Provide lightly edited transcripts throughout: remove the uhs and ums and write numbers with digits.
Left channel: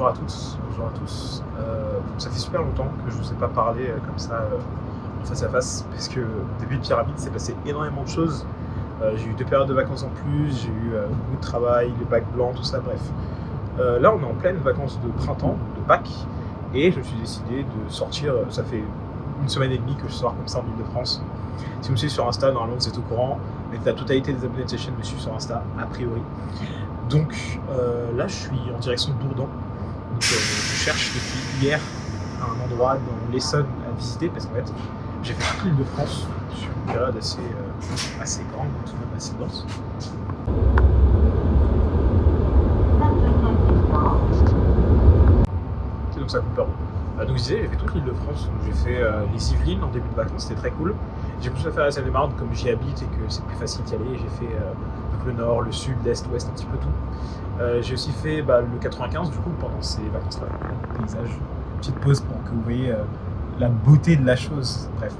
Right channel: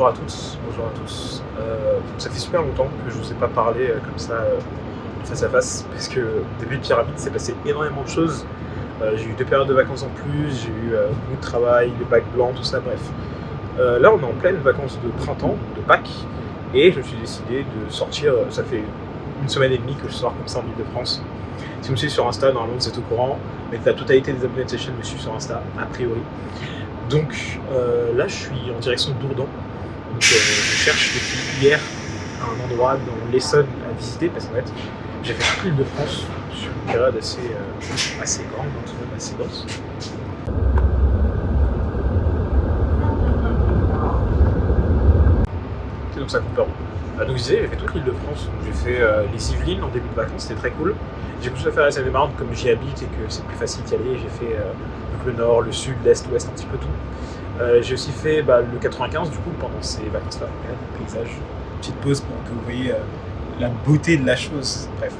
Bonjour à toutes, bonjour à tous. Ça fait super longtemps que je vous ai pas parlé comme ça face à face, parce que depuis le pyramide, s'est passé énormément de choses. J'ai eu 2 périodes de vacances en plus, j'ai eu beaucoup de travail, les bacs blancs, tout ça, bref. Là, on est en pleine vacances de printemps, de Pâques, et je me suis décidé de sortir. Ça fait une semaine et demie que je sors comme ça en Ile-de-France. Si vous me suivez sur Insta, normalement vous êtes au courant, mais la totalité des abonnés de cette chaîne me suivent sur Insta, a priori. Donc là, je suis en direction de Dourdan. Donc je cherche depuis hier un endroit dans l'Essonne à visiter, parce qu'en fait, j'ai fait toute l'Île-de-France sur une période assez grande, tout de même assez grosse. Et donc ça coupe le rond. Donc je disais, j'ai fait toute l'Île-de-France. J'ai fait les Yvelines en début de vacances, c'était très cool. J'ai continué à faire la Seine-et-Marne comme j'y habite et que c'est plus facile d'y aller. J'ai fait donc le nord, le sud, l'est, l'ouest, un petit peu tout. J'ai aussi fait le 95 du coup pendant ces vacances-là. Le paysage, petite pause pour que vous voyez la beauté de la chose. Bref.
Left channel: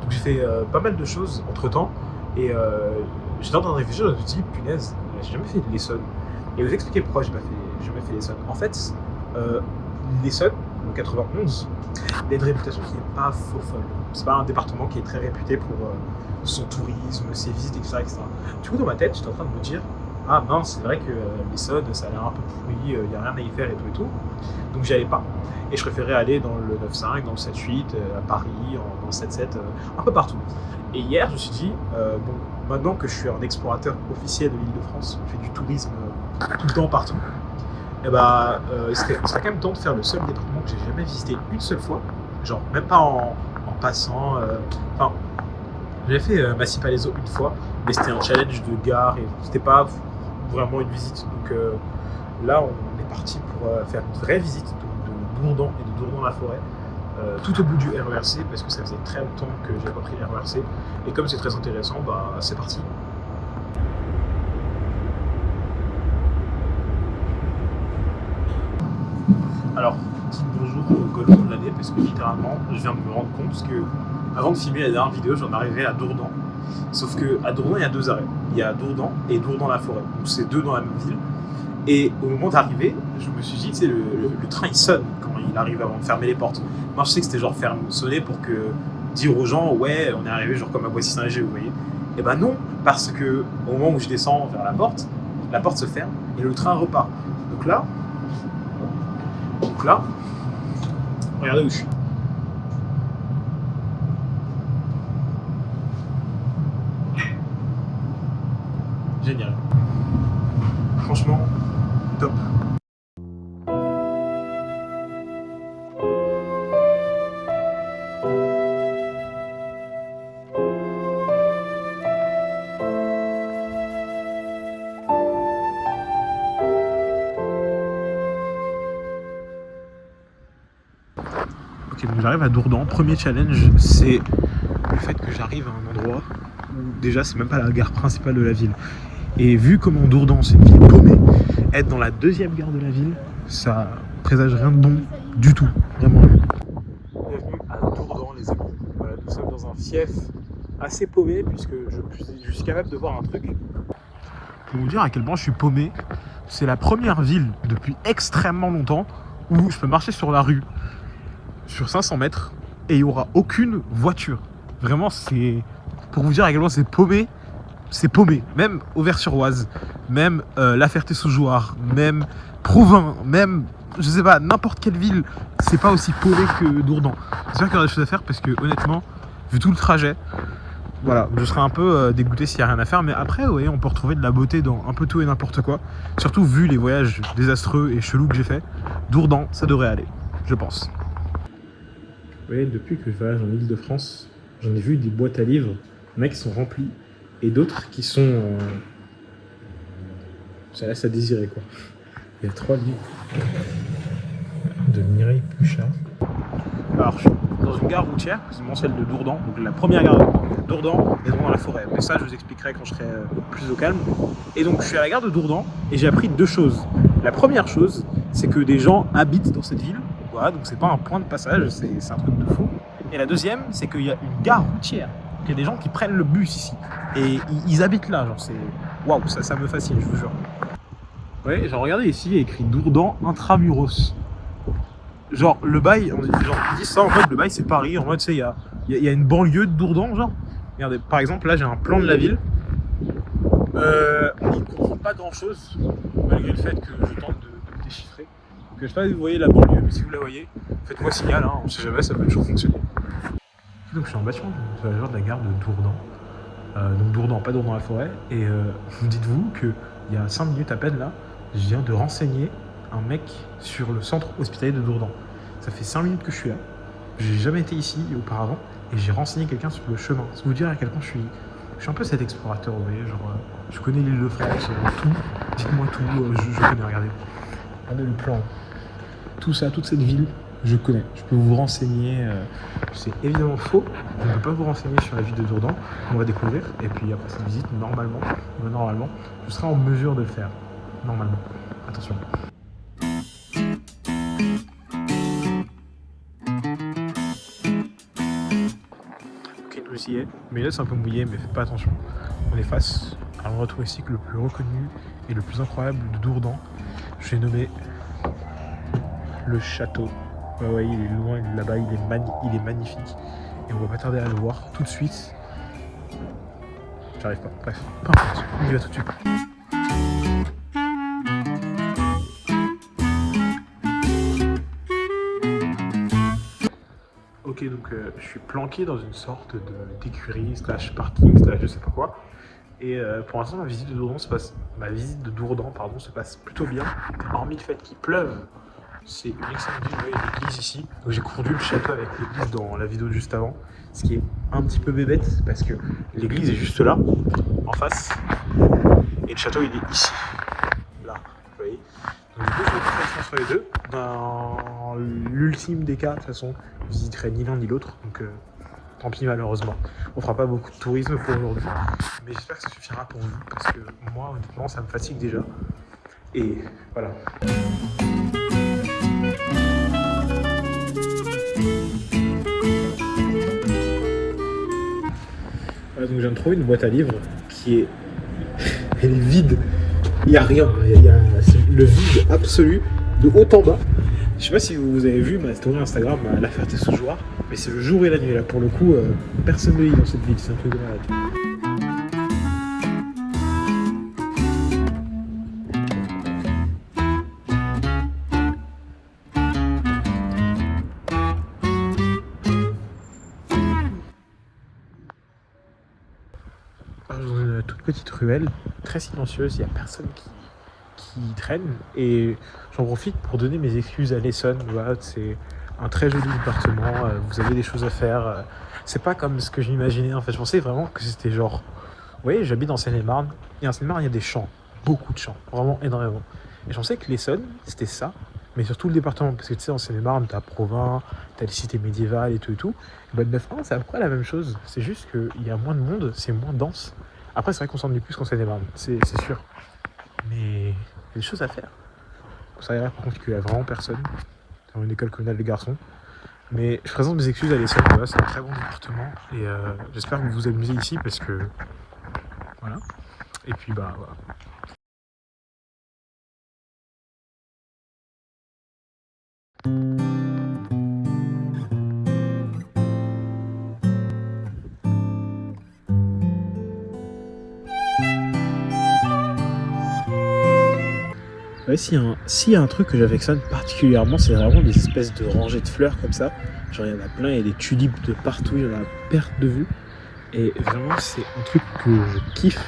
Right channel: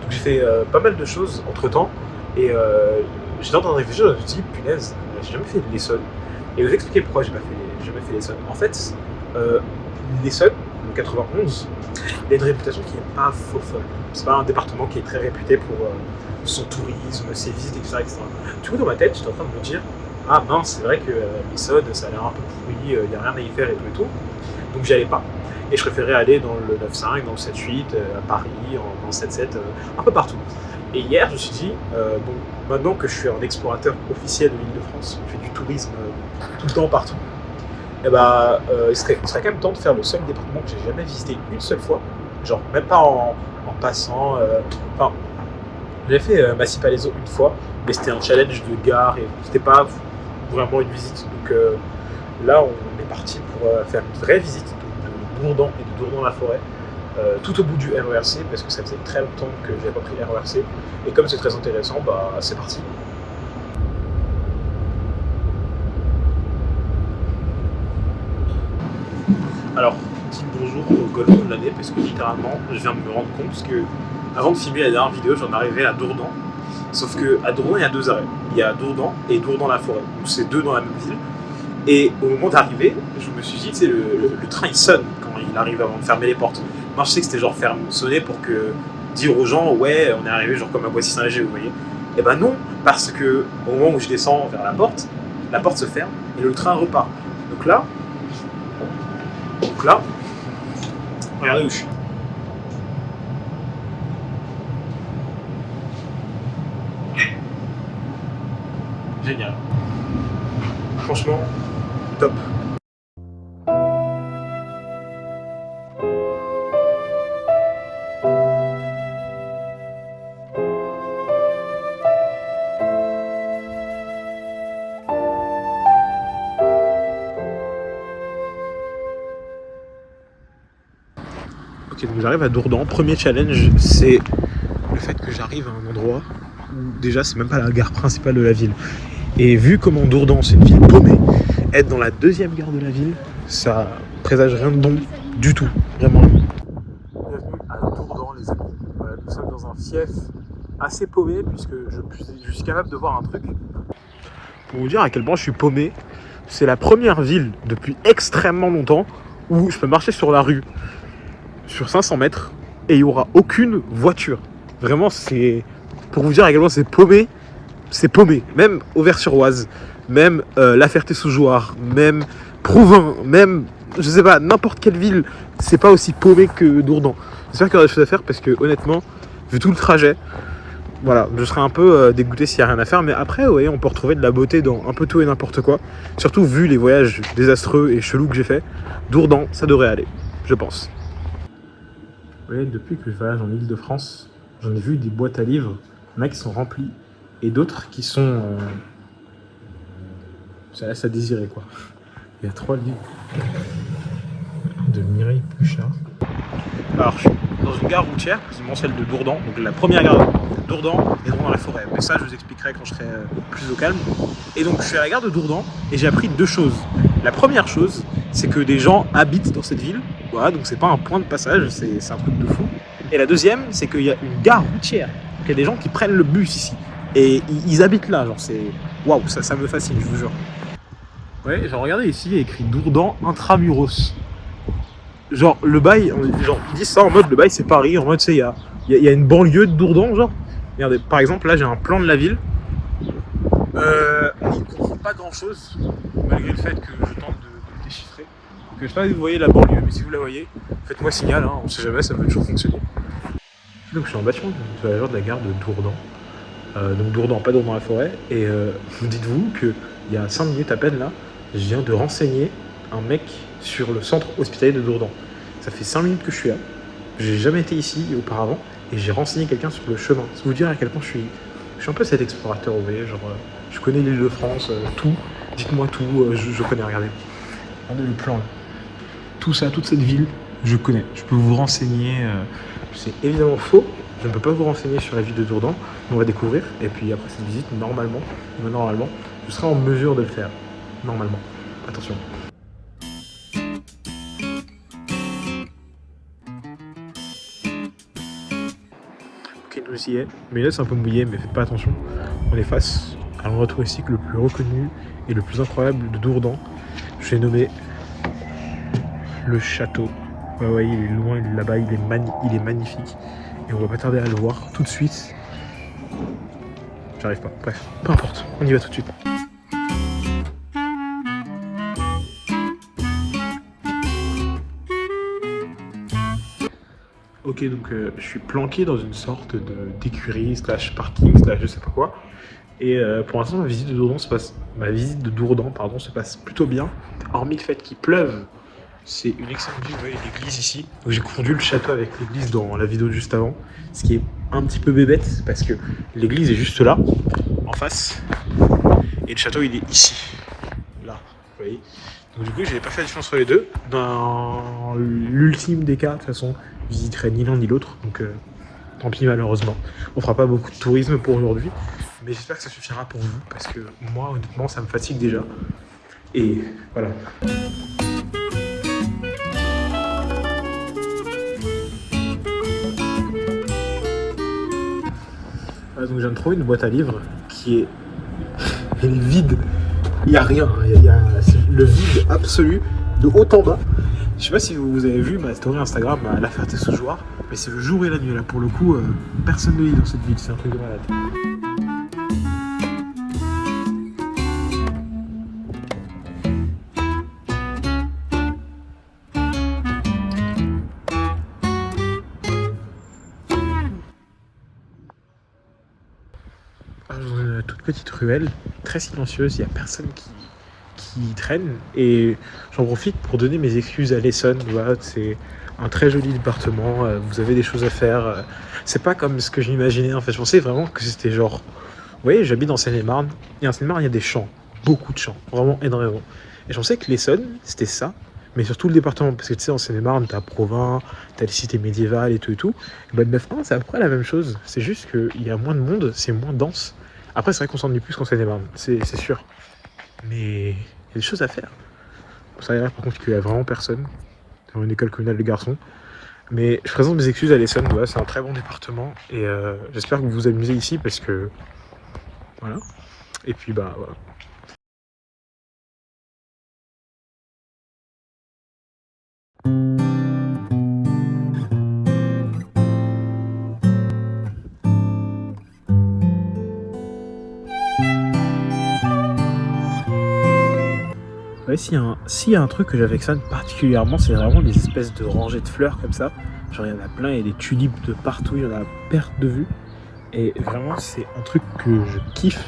Donc j'ai fait pas mal de choses entre temps et j'étais en train de réfléchir, je me suis dit, punaise, j'ai jamais fait de l'Essonne. Et vous expliquer pourquoi j'ai jamais fait l'Essonne. En fait, l'Essonne, le 91, il a une réputation qui n'est pas faux folle. C'est pas un département qui est très réputé pour son tourisme, ses visites, etc., etc. Du coup, dans ma tête, j'étais en train de me dire, ah mince, c'est vrai que l'Essonne, ça a l'air un peu pourri, il n'y a rien à y faire et tout. Donc j'y allais pas. Et je préférais aller dans le 9-5, dans le 7-8, à Paris, dans le 7-7, un peu partout. Et hier, je me suis dit, bon, maintenant que je suis un explorateur officiel de l'Île-de-France, je fais du tourisme tout le temps, partout, et il serait quand même temps de faire le seul département que j'ai jamais visité une seule fois, genre même pas en passant. Enfin, j'ai fait Massy-Palaiseau une fois, mais c'était un challenge de gare et c'était pas vraiment une visite. Donc là, on est parti pour faire une vraie visite de Dourdan et de Dourdan-la-Forêt, tout au bout du RERC, parce que ça faisait très longtemps que j'avais pas pris le RERC. Et comme c'est très intéressant, c'est parti. Alors, petit bonjour au golfon de l'année, parce que littéralement, je viens de me rendre compte que avant de filmer la dernière vidéo, j'en arrivais à Dourdan. Sauf qu'à Dourdan, il y a 2 arrêts. Il y a Dourdan et Dourdan-la-Forêt. Donc c'est 2 dans la même ville. Et au moment d'arriver, je me suis dit, tu sais, le train il sonne quand il arrive avant de fermer les portes. Moi, je sais que c'était genre sonner pour dire aux gens, ouais, on est arrivé genre comme à Boissy-Saint-Léger, vous voyez. Et non, parce que au moment où je descends vers la porte se ferme et le train repart. Donc là, regardez où je suis. Génial. Franchement, top. Ok, donc j'arrive à Dourdan. Premier challenge, c'est le fait que j'arrive à un endroit où déjà c'est même pas la gare principale de la ville. Et vu comment Dourdan c'est une ville paumée, être dans la 2e gare de la ville, ça présage rien de bon du tout, vraiment. Bienvenue à Dourdan les amis. Voilà, nous sommes dans un fief assez paumé puisque je suis capable de voir un truc. Pour vous dire à quel point je suis paumé, c'est la première ville depuis extrêmement longtemps où je peux marcher sur la rue sur 500 mètres et il n'y aura aucune voiture. Vraiment, c'est pour vous dire à quel point c'est paumé. C'est paumé, même Auvers-sur-Oise, même La Ferté-sous-Jouarre, même Provins, même, je sais pas, n'importe quelle ville, c'est pas aussi paumé que Dourdan. J'espère qu'il y aura des choses à faire parce que honnêtement, vu tout le trajet, voilà, je serais un peu dégoûté s'il n'y a rien à faire, mais après, vous voyez, on peut retrouver de la beauté dans un peu tout et n'importe quoi. Surtout vu les voyages désastreux et chelous que j'ai fait, Dourdan, ça devrait aller, je pense. Vous voyez, depuis que je voyage en Île-de-France, j'en ai vu des boîtes à livres, il y en a qui sont remplies, et d'autres qui sont... ça laisse à désirer, quoi. Il y a 3 livres de Mireille Pluchart. Alors, je suis dans une gare routière, quasiment celle de Dourdan, donc la première gare de Dourdan et Dourdan-la-Forêt. Mais ça, je vous expliquerai quand je serai plus au calme. Et donc, je suis à la gare de Dourdan et j'ai appris 2 choses. La première chose, c'est que des gens habitent dans cette ville. Voilà, donc c'est pas un point de passage, c'est un truc de fou. Et la deuxième, c'est qu'il y a une gare routière. Il y a des gens qui prennent le bus ici. Et ils habitent là, genre c'est... Waouh, ça me fascine, je vous jure. Ouais, genre regardez ici, il y a écrit Dourdan Intramuros. Genre le bail, genre ils disent ça en mode le bail c'est Paris, en mode tu sais, il y a une banlieue de Dourdan, genre. Regardez, par exemple là j'ai un plan de la ville. On ne comprend pas grand chose, malgré le fait que je tente de déchiffrer. Donc, je sais pas si vous voyez la banlieue, mais si vous la voyez, faites-moi signal, hein, on sait jamais, ça peut toujours fonctionner. Donc je suis en bâtiment de la gare de Dourdan. Donc Dourdan, pas Dourdan la forêt. Et dites-vous qu'il y a 5 minutes à peine là, je viens de renseigner un mec sur le centre hospitalier de Dourdan. Ça fait 5 minutes que je suis là. J'ai jamais été ici auparavant et j'ai renseigné quelqu'un sur le chemin. Ça vous dire à quel point je suis un peu cet explorateur, vous voyez, genre je connais l'île de France, tout. Dites-moi tout, je connais, regardez. Regardez le plan. Tout ça, toute cette ville, je connais. Je peux vous renseigner. C'est évidemment faux. Je ne peux pas vous renseigner sur la ville de Dourdan. On va découvrir. Et puis après cette visite, normalement, je serai en mesure de le faire. Normalement. Attention. Ok, nous y est. Mais là, c'est un peu mouillé, mais faites pas attention. On est face à l'endroit touristique le plus reconnu et le plus incroyable de Dourdan. Je l'ai nommé le château. Ouais, il est loin, il est là-bas, il est magnifique. Et on va pas tarder à le voir tout de suite. J'arrive pas. Bref, peu importe, on y va tout de suite. Ok, donc je suis planqué dans une sorte d'écurie, slash parking, slash je sais pas quoi. Et pour l'instant, ma visite de Dourdan se passe plutôt bien, hormis le fait qu'il pleuve. C'est une excellente ville, il y a une église ici. Donc j'ai confondu le château avec l'église dans la vidéo juste avant. Ce qui est un petit peu bébête parce que l'église est juste là, en face. Et le château il est ici. Là, vous voyez. Donc du coup je vais pas faire la différence entre les deux. Dans l'ultime des cas, de toute façon, je visiterai ni l'un ni l'autre. Donc tant pis malheureusement. On fera pas beaucoup de tourisme pour aujourd'hui. Mais j'espère que ça suffira pour vous. Parce que moi honnêtement ça me fatigue déjà. Et voilà. Donc je viens de trouver une boîte à livres qui est... Elle est vide. Il n'y a rien. C'est le vide absolu de haut en bas. Je sais pas si vous avez vu ma story Instagram à La Ferté-sous-Jouarre, mais c'est le jour et la nuit là. Pour le coup, personne ne vit dans cette ville. C'est un truc de malade. Dans une toute petite ruelle, très silencieuse, il n'y a personne qui traîne. Et j'en profite pour donner mes excuses à l'Essonne. Voilà, c'est un très joli département, vous avez des choses à faire. C'est pas comme ce que j'imaginais en fait. Je pensais vraiment que c'était genre... Vous voyez, j'habite dans Seine-et-Marne. Et en Seine-et-Marne, il y a des champs, beaucoup de champs, vraiment énormément. Et je pensais que l'Essonne, c'était ça. Mais surtout le département, parce que tu sais, en Seine-et-Marne, t'as Provins, t'as les cités médiévales et tout. Et ben, 9-1, c'est à peu près la même chose. C'est juste qu'il y a moins de monde, c'est moins dense. Après, c'est vrai qu'on s'ennuie plus qu'en Seine-et-Marne, c'est sûr. Mais il y a des choses à faire. Ça a l'air par contre qu'il n'y a vraiment personne dans une école communale de garçons. Mais je présente mes excuses à l'Essonne, voilà, c'est un très bon département. Et j'espère que vous vous amusez ici parce que... Voilà. Et puis bah voilà. Ouais, s'il y a un truc que j'affectionne particulièrement, c'est vraiment les espèces de rangées de fleurs comme ça. Genre il y en a plein, il y a des tulipes de partout, il y en a à perte de vue. Et vraiment c'est un truc que je kiffe.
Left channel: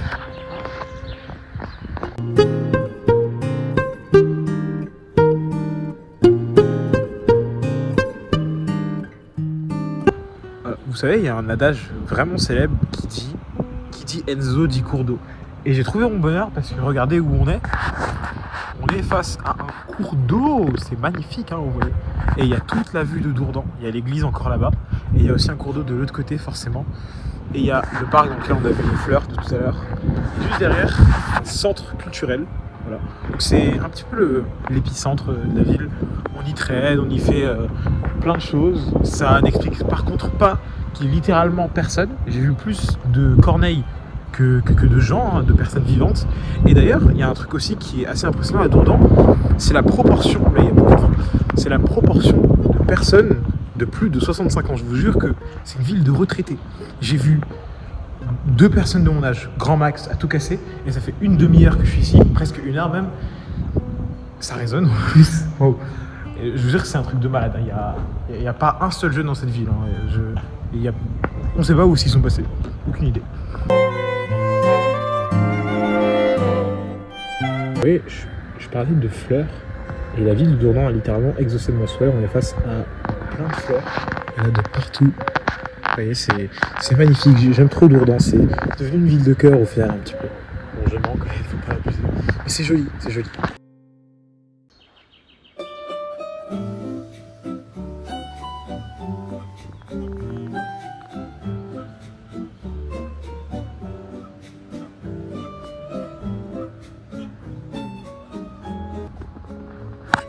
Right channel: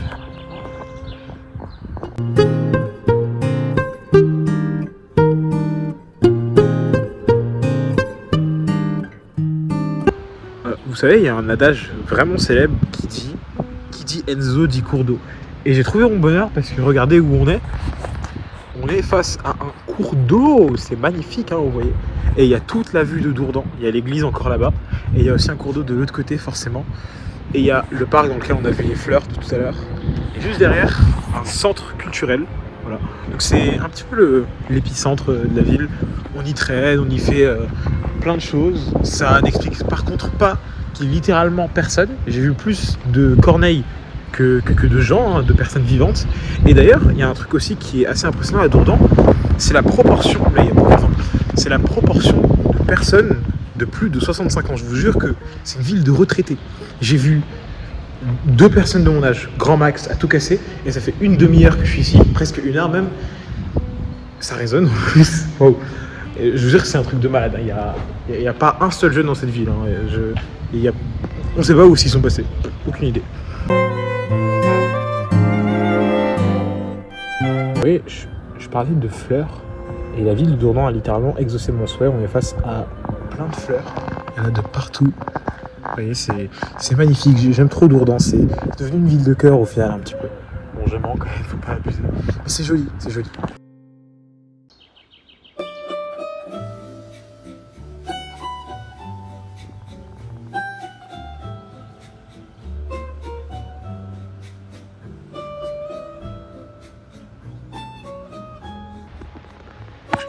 Vous savez, il y a un adage vraiment célèbre qui dit Enzo dit cours d'eau. Et j'ai trouvé mon bonheur parce que regardez où on est. On est face à un cours d'eau, c'est magnifique, hein, vous voyez. Et il y a toute la vue de Dourdan, il y a l'église encore là-bas, et il y a aussi un cours d'eau de l'autre côté forcément. Et il y a le parc, donc là on a vu les fleurs de tout à l'heure. Et juste derrière, un centre culturel. Voilà. Donc c'est un petit peu l'épicentre de la ville. On y traîne, on y fait plein de choses. Ça n'explique par contre pas qu'il y ait littéralement personne. J'ai vu plus de corneilles que de gens, hein, de personnes vivantes. Et d'ailleurs, il y a un truc aussi qui est assez impressionnant à Dourdan, c'est la proportion, là il y a beaucoup d'exemples, c'est la proportion de personnes de plus de 65 ans. Je vous jure que c'est une ville de retraités. J'ai vu 2 personnes de mon âge, grand max, à tout casser, et ça fait une demi-heure que je suis ici, presque 1 heure même. Ça résonne en plus. Wow. Et je vous jure que c'est un truc de malade. Il n'y a pas un seul jeune dans cette ville. Hein. On ne sait pas où ils sont passés. Aucune idée. Oui, je parlais de fleurs. Et la ville de Dourdan a littéralement exaucé mon souhait. On est face à plein de fleurs. Il y en a de partout. Vous voyez, c'est magnifique. J'aime trop Dourdan. C'est devenu une ville de cœur au final un petit peu. Bon, je mens quand même, faut pas abuser. Mais c'est joli, c'est joli.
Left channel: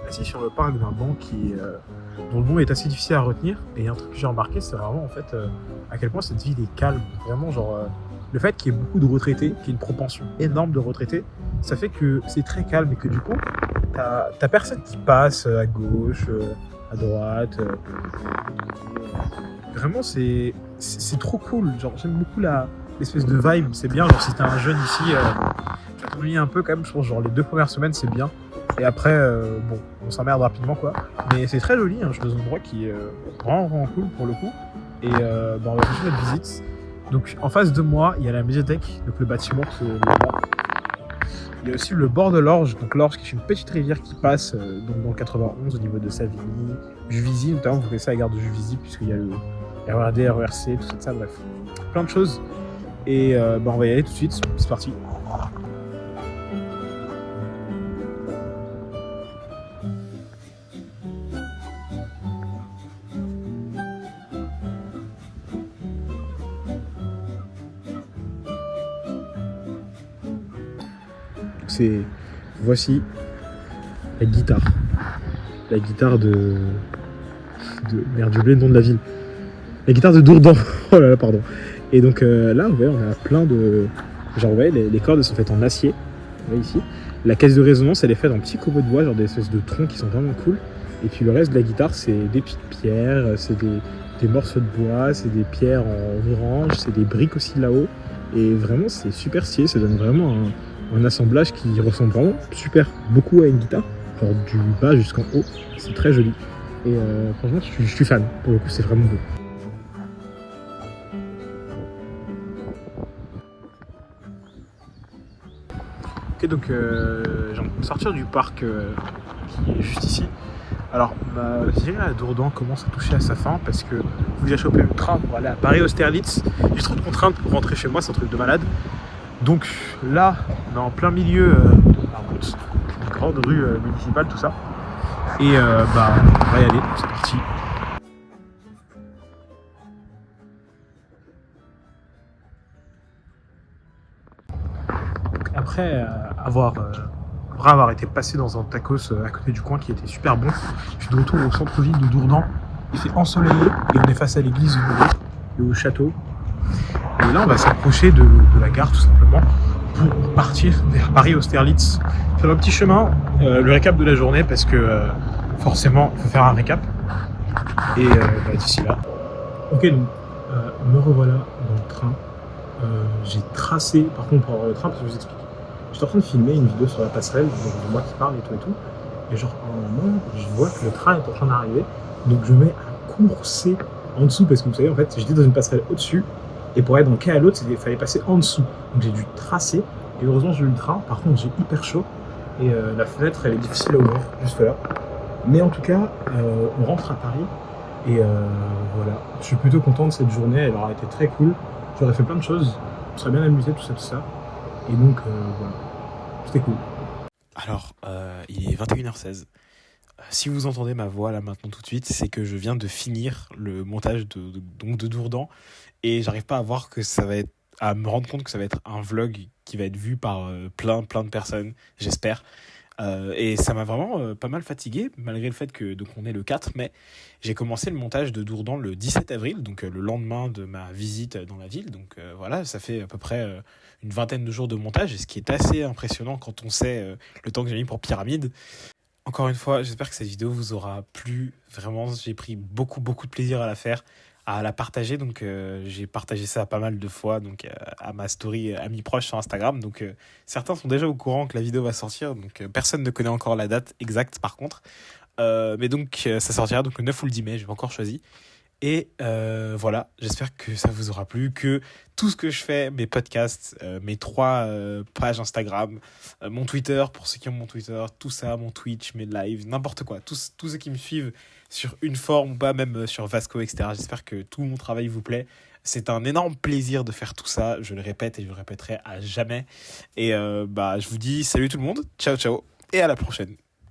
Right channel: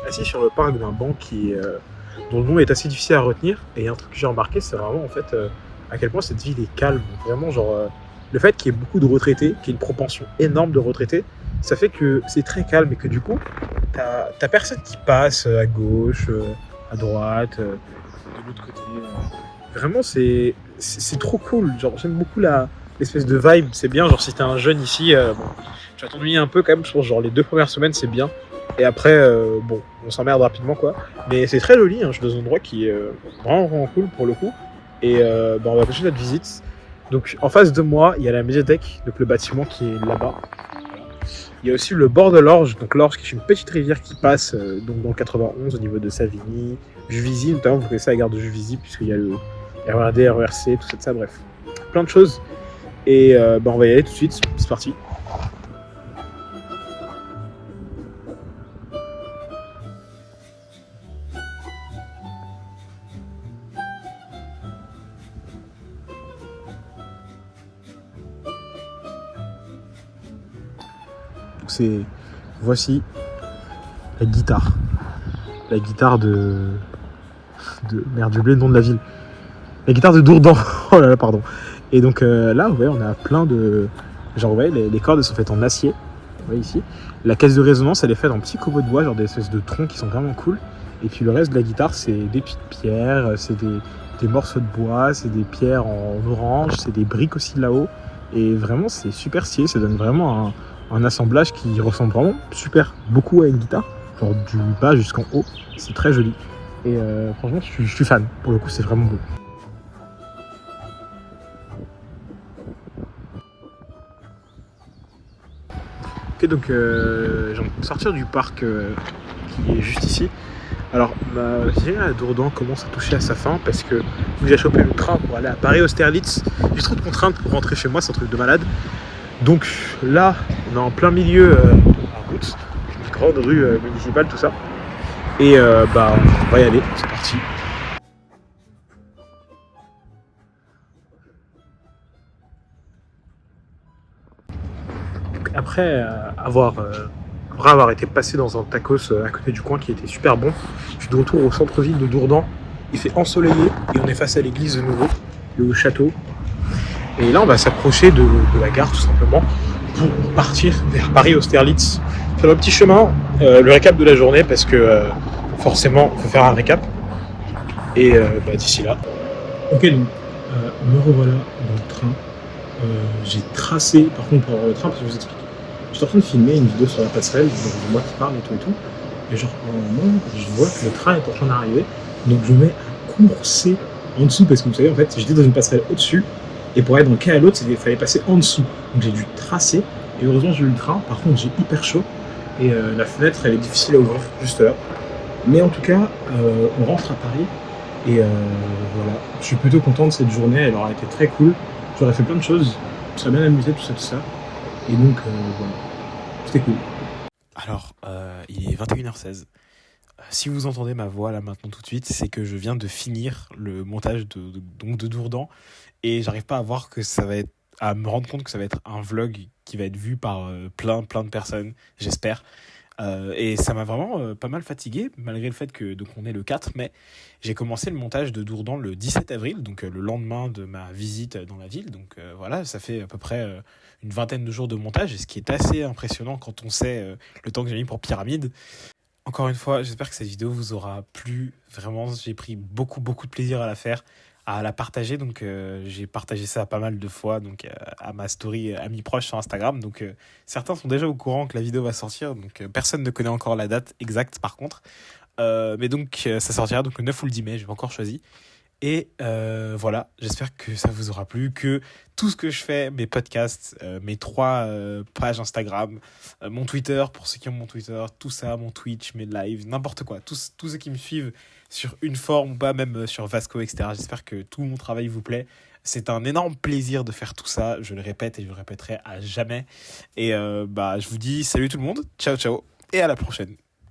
Assis sur le parc d'un banc dont le nom est assez difficile à retenir. Et un truc que j'ai remarqué, c'est vraiment en fait à quel point cette ville est calme. Vraiment, genre, le fait qu'il y ait beaucoup de retraités, qu'il y ait une propension énorme de retraités, ça fait que c'est très calme et que du coup, t'as personne qui passe à gauche, à droite, de l'autre côté. Vraiment, c'est trop cool. Genre, j'aime beaucoup l'espèce de vibe. C'est bien, genre, si t'es un jeune ici, bon, tu vas t'ennuyer un peu quand même. Je pense, genre, les 2 premières semaines, c'est bien. Et après, bon, on s'emmerde rapidement, quoi. Mais c'est très joli, hein. Je suis dans un endroit qui est vraiment cool pour le coup. Et on va continuer notre visite. Donc, en face de moi, il y a la médiathèque, donc le bâtiment qui est là-bas. Il y a aussi le bord de l'Orge, donc l'Orge qui est une petite rivière qui passe donc dans le 91 au niveau de Savigny, Juvisy, notamment, vous connaissez la gare de Juvisy, puisqu'il y a le RERD, RERC, tout ça, bref. Plein de choses. Et on va y aller tout de suite, c'est parti. Voici la guitare. La guitare merde, j'ai oublié le nom de la ville. La guitare de Dourdan. Oh là là, pardon. Et donc là, vous voyez, on a plein de... Genre, vous voyez, les cordes sont faites en acier. Vous voyez ici. La caisse de résonance, elle est faite en petits copeaux de bois, genre des espèces de troncs qui sont vraiment cool. Et puis le reste de la guitare, c'est des petites pierres, c'est des morceaux de bois, c'est des pierres en orange, c'est des briques aussi là-haut. Et vraiment, c'est super stylé. Ça donne vraiment un assemblage qui ressemble vraiment super beaucoup à une guitare, genre du bas jusqu'en haut, c'est très joli. Et franchement, je suis fan, pour le coup, c'est vraiment beau. Ok, donc j'ai envie de sortir du parc qui est juste ici. Alors, ma journée à Dourdan commence à toucher à sa fin parce que faut que j'ai chopé le train pour aller à Paris-Austerlitz. J'ai trop de contraintes pour rentrer chez moi, c'est un truc de malade. Donc là, on est en plein milieu d'une grande rue municipale, tout ça. Et on va y aller, c'est parti. Donc, après avoir été passé dans un tacos à côté du coin qui était super bon, je suis de retour au centre-ville de Dourdan. Il fait ensoleillé et on est face à l'église de nouveau, le château. Et là, on va s'approcher de la gare, tout simplement, pour partir vers Paris-Austerlitz. Faire un petit chemin, le récap de la journée, parce que forcément, il faut faire un récap. Et d'ici là. Ok, donc, me revoilà dans le train. J'ai tracé, par contre, pour avoir le train, parce que je vous explique. J'étais en train de filmer une vidéo sur la passerelle, donc moi qui parle et tout. Et genre, au moment où je vois que le train est en train d'arriver, donc je mets à courser en dessous, parce que vous savez, en fait, j'étais dans une passerelle au-dessus. Et pour aller d'un quai à l'autre, il fallait passer en dessous. Donc j'ai dû tracer. Et heureusement, j'ai eu le train. Par contre, j'ai hyper chaud. Et la fenêtre, elle est difficile à ouvrir, juste là. Mais en tout cas, on rentre à Paris. Et voilà. Je suis plutôt content de cette journée. Elle aura été très cool. J'aurais fait plein de choses. Je serais bien amusé, tout ça. Et donc, voilà. C'était cool. Alors, il est 21h16. Si vous entendez ma voix là maintenant tout de suite, c'est que je viens de finir le montage de Dourdan. Et j'arrive pas à me rendre compte que ça va être un vlog qui va être vu par plein de personnes, j'espère. Et ça m'a vraiment pas mal fatigué, malgré le fait que donc on est le 4 mai. J'ai commencé le montage de Dourdan le 17 avril, donc le lendemain de ma visite dans la ville. Donc voilà, ça fait à peu près une vingtaine de jours de montage, et ce qui est assez impressionnant quand on sait le temps que j'ai mis pour Pyramide. Encore une fois, j'espère que cette vidéo vous aura plu. Vraiment, j'ai pris beaucoup, beaucoup de plaisir à la faire, à la partager. Donc, j'ai partagé ça pas mal de fois donc, à ma story amis proches sur Instagram. Donc, certains sont déjà au courant que la vidéo va sortir. Donc, personne ne connaît encore la date exacte par contre. Mais donc, ça sortira donc, le 9 ou le 10 mai, je vais encore choisi. Et voilà, j'espère que ça vous aura plu, que tout ce que je fais, mes podcasts, mes 3 pages Instagram, mon Twitter, pour ceux qui ont mon Twitter, tout ça, mon Twitch, mes lives, n'importe quoi, tous ceux qui me suivent sur une forme ou pas, même sur Vasco, etc. J'espère que tout mon travail vous plaît. C'est un énorme plaisir de faire tout ça, je le répète et je le répéterai à jamais. Et je vous dis salut tout le monde, ciao ciao, et à la prochaine.